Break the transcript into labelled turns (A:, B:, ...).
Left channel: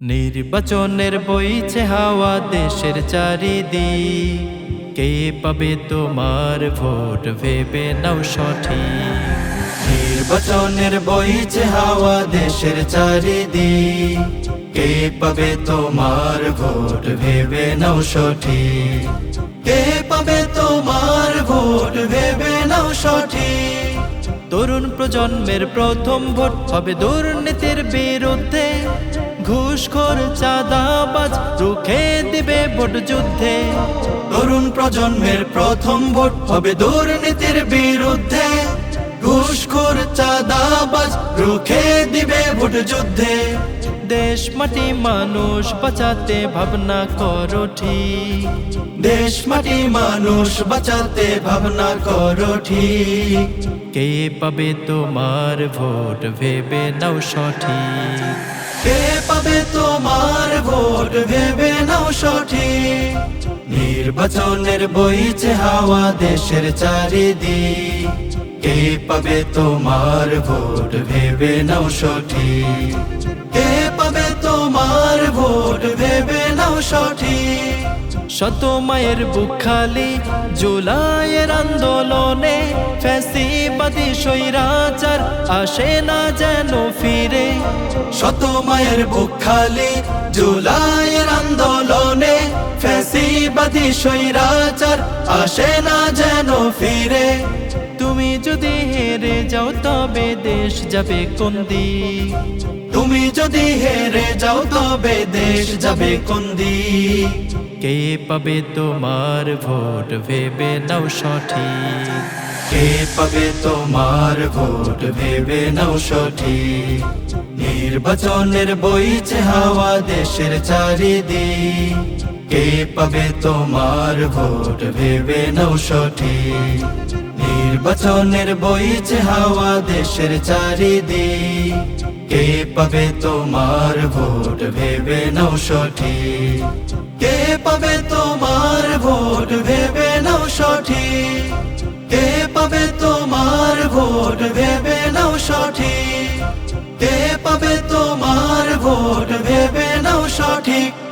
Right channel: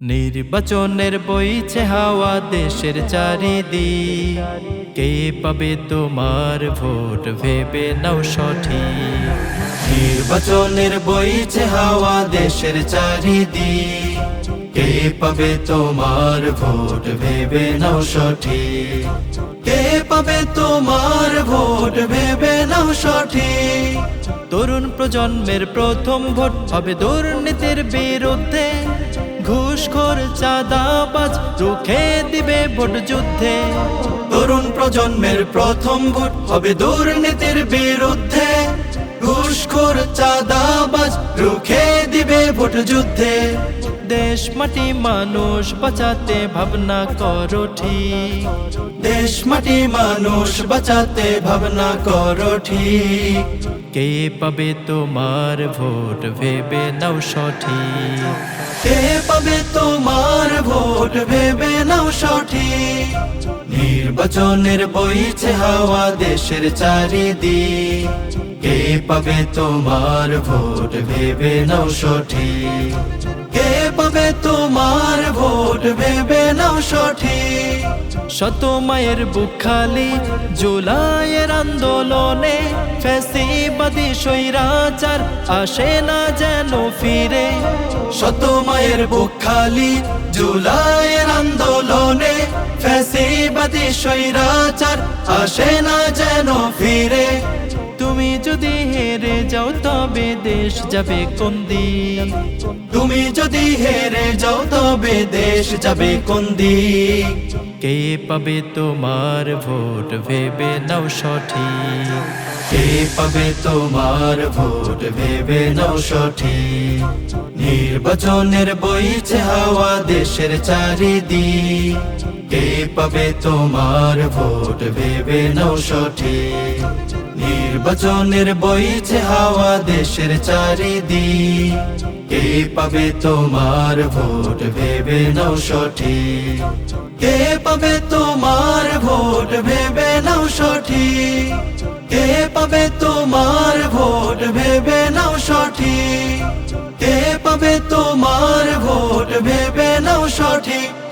A: নির্বাচনের বইছে হাওয়া দেশের চারিদিক। কে পাবে তোমার ভোট? ভেবে নাও সঠিক। নির্বাচনের বইছে হাওয়া দেশের চারিদিক। কে পাবে তোমার ভোট? ভেবে নাও সঠিক। কে পাবে তোমার ভোট? ভেবে নাও সঠিক। তরুণ প্রজন্মের প্রথম ভোট হবে দুর্নীতির বিরুদ্ধে। ঘুষখোর চাঁদাবাজ রুখে দিবে ভোট যুদ্ধে। তরুণ প্রজন্মের প্রথম ভোট হবে দুর্নীতির বিরুদ্ধে। ঘুষখোর চাঁদাবাজ রুখে দিবে ভোট যুদ্ধে। দেশ মাটি মানুষ বাঁচাতে ভাবনা করো ঠিক। দেশ মাটি মানুষ বাঁচাতে ভাবনা করো ঠিক। কে পাবে তোমার ভোট ভেবে নাও সঠিক। কে পাবে তোমার ভোট? ভেবে নাও সঠিক। নির্বাচনের বইছে হাওয়া দেশের চারিদিক। কে পাবে তোমার ভোট? ভেবে নাও সঠিক। কে পাবে তোমার ভোট? ভেবে নাও সঠিক। শত মায়ের বুক খালি জুলাইয়ের আন্দোলনে ফ্যাসিবাদী স্বৈরাচার আসে না যেন ফিরে। শত মায়ের বুক খালি, জুলাইয়ের আন্দোলনে ফ্যাসিবাদী স্বৈরাচার আসে না যেন ফিরে। তুমি যদি হেরে যাও তবে দেশ যাবে কোন দিক? তুমি যদি হেরে যাও তবে দেশ যাবে কোন দিক? কে পাবে তোমার ভোট ভেবে নাও সঠিক। কে পাবে তোমার ভোট ভেবে নাও সঠিক? নির্বাচনের বইছে হাওয়া দেশের চারিদিক। কে পাবে তোমার ভোট? ভেবে নাও নির্বাচনের বইছে হাওয়া দেশের চারিদিক। কে পাবে তোমার ভোট? ভেবে নাও কে পাবে তোমার ভোট? ভেবে নাও সঠিক। কে পাবে তোমার ভোট? ভেবে নাও কে